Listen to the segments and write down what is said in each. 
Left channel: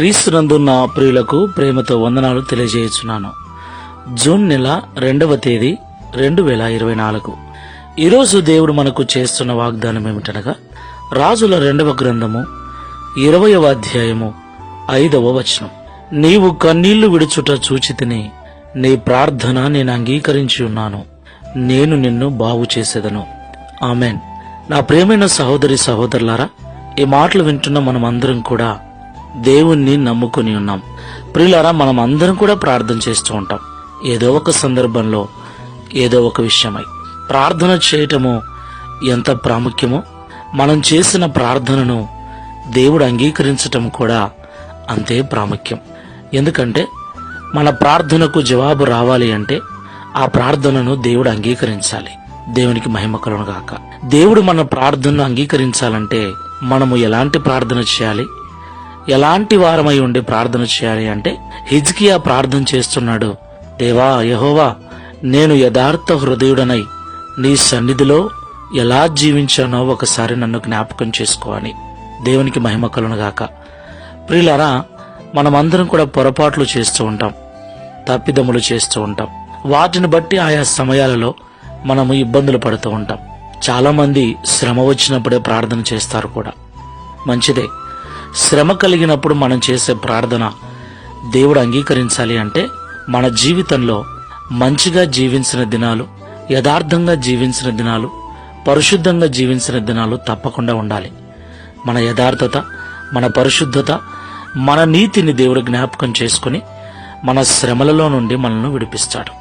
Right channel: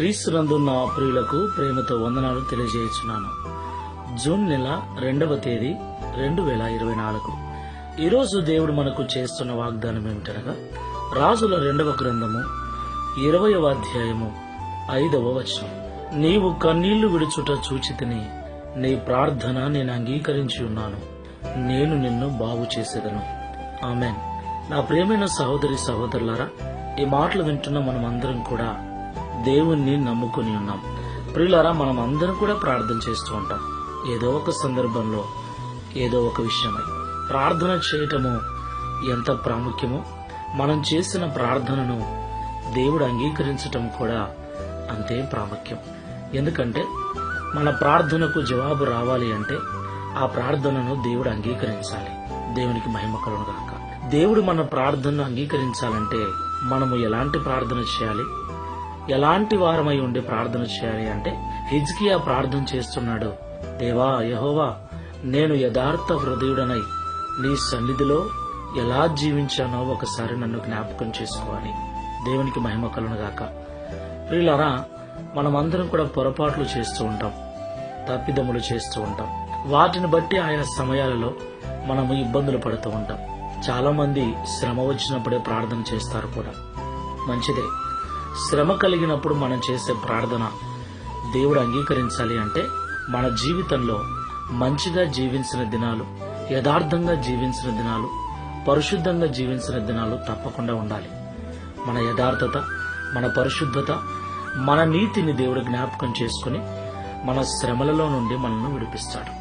క్రీస్తునందు నా ప్రియులకు ప్రేమతో వందనాలు తెలియజేయుచున్నాను. జూన్ నెల 2వ తేదీ 2024. ఈరోజు దేవుడు మనకు చేస్తున్న వాగ్దానం ఏమిటనగా, రాజుల 2వ గ్రంథము 20వ అధ్యాయము 5వ వచనం. నీవు కన్నీళ్లు విడుచుట చూచితిని, నీ ప్రార్థన నేను అంగీకరించి ఉన్నాను, నేను నిన్ను బాగు చేసేదను. ఆమెన్. నా ప్రియమైన సహోదరి సహోదరులారా, ఈ మాటలు వింటున్న మనం అందరం కూడా దేవుణ్ణి నమ్ముకుని ఉన్నాం. ప్రియులారా, మనం అందరం కూడా ప్రార్థన చేస్తూ ఉంటాం. ఏదో ఒక సందర్భంలో ఏదో ఒక విషయమై ప్రార్థన చేయటము ఎంత ప్రాముఖ్యమో, మనం చేసిన ప్రార్థనను దేవుడు అంగీకరించటం కూడా అంతే ప్రాముఖ్యం. ఎందుకంటే మన ప్రార్థనకు జవాబు రావాలి అంటే ఆ ప్రార్థనను దేవుడు అంగీకరించాలి. దేవునికి మహిమ కలుగును గాక. దేవుడు మన ప్రార్థనను అంగీకరించాలంటే మనము ఎలాంటి ప్రార్థన చేయాలి, ఎలాంటి వారమై ఉండి ప్రార్థన చేయాలి అంటే, హిజ్కియా ప్రార్థన చేస్తున్నాడు. దేవా యెహోవా, నేను యథార్థ హృదయుడనై నీ సన్నిధిలో ఎలా జీవించానో ఒకసారి నన్ను జ్ఞాపకం చేసుకో అని. దేవునికి మహిమ కలుగును గాక. ప్రియులారా, మనమందరం కూడా పొరపాట్లు చేస్తూ ఉంటాం, తప్పిదములు చేస్తూ ఉంటాం. వాటిని బట్టి ఆయా సమయాలలో మనము ఇబ్బందులు పడుతూ ఉంటాం. చాలా మంది శ్రమ వచ్చినప్పుడే ప్రార్థన చేస్తారు కూడా. మంచిదే. శ్రమ కలిగినప్పుడు మనం చేసే ప్రార్థన దేవుడు అంగీకరించాలి అంటే మన జీవితంలో మంచిగా జీవించిన దినాలు, యథార్థంగా జీవించిన దినాలు, పరిశుద్ధంగా జీవించిన దినాలు తప్పకుండా ఉండాలి. మన యథార్థత, మన పరిశుద్ధత, మన నీతిని దేవుడు జ్ఞాపకం చేసుకుని మన శ్రమలలో నుండి మనల్ని విడిపిస్తాడు.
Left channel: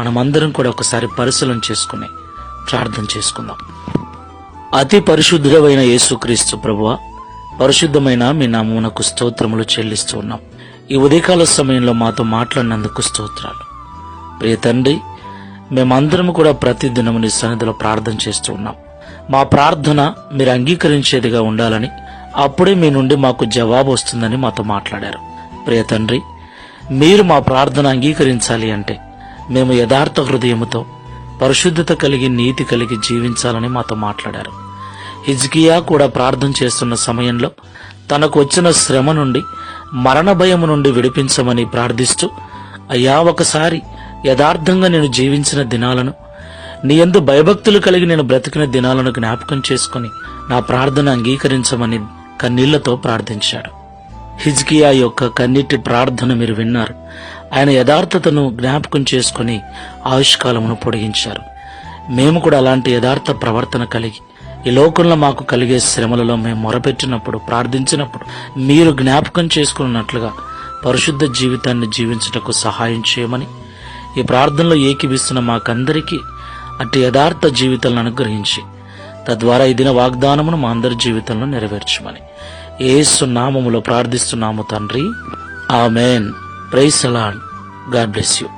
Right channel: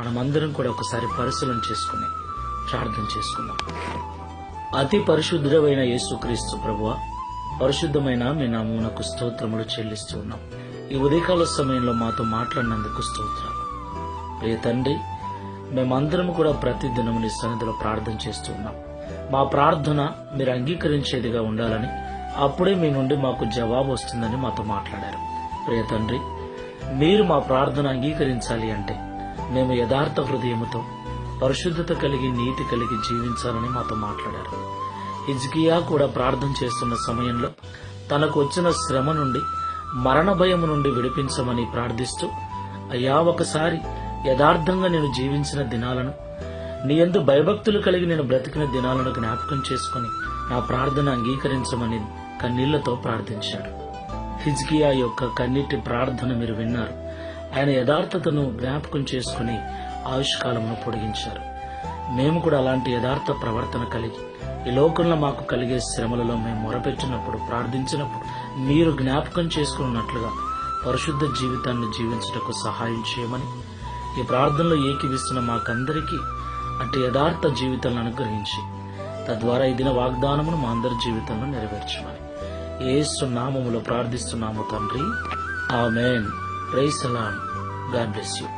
మనమందరం కూడా ఒకసారి పరిశీలన చేసుకుని ప్రార్థన చేసుకుందాం. అతి పరిశుద్ధుడైన యేసుక్రీస్తు ప్రభువా, పరిశుద్ధమైన మీ నామమునకు స్తోత్రములు చెల్లిస్తూ ఉన్నాం. ఈ ఉదయకాల సమయంలో మాతో మాట్లాడినందుకు స్తోత్రాలు. ప్రియ తండ్రి, మేమందరం కూడా ప్రతి దినము నీ సన్నిధిలో ప్రార్థన చేస్తూ ఉన్నాం. మా ప్రార్థన మీరు అంగీకరించేదిగా ఉండాలని, అప్పుడే మీ నుండి మాకు జవాబు వస్తుందని మాతో మాట్లాడారు. ప్రియ తండ్రి, మీరు మా ప్రార్థన అంగీకరించాలి అంటే మేము యథార్థ హృదయముతో, పరిశుద్ధత కలిగి, నీతి కలిగి జీవించాలని మాతో మాట్లాడారు. హిజ్కియా కూడా ప్రార్థన చేస్తున్న సమయంలో తనకు వచ్చిన శ్రమ నుండి, మరణ భయము నుండి విడిపించమని ప్రార్థిస్తూ, అయ్యా ఒకసారి యథార్థంగా నేను జీవించిన దినాలను, నీ యందు భయభక్తులు కలిగి నేను బ్రతికిన దినాలను జ్ఞాపకం చేసుకుని నా ప్రార్థన అంగీకరించమని కన్నీళ్లతో ప్రార్థించాడు. హిజ్కియా యొక్క కన్నీటి ప్రార్థన మీరు విన్నారు. ఆయన యథార్థతను జ్ఞాపకం చేసుకుని ఆయుష్కాలమును పొడిగించారు. మేము కూడా అలాంటి యథార్థ ప్రవర్తన కలిగి ఈ లోకంలో మాకు కలిగే శ్రమలలో మేము మొరపెట్టినప్పుడు, ప్రార్థించినప్పుడు మీరు జ్ఞాపకం చేసుకున్నట్లుగా పరిశుద్ధ జీవితాన్ని జీవించుటకు సహాయం చేయమని, ఈ ప్రార్థనలో ఏకీభిస్తున్న మాకందరికీ అట్టి యథార్థ జీవితాలను అనుగ్రహించి, తద్వారా ఈ దిన వాగ్దానమును మా అందరి జీవితంలో నెరవేర్చమని యేసు నామములో ప్రార్థిస్తున్నాము తండ్రి. Amen. Praise the Lord. God bless you.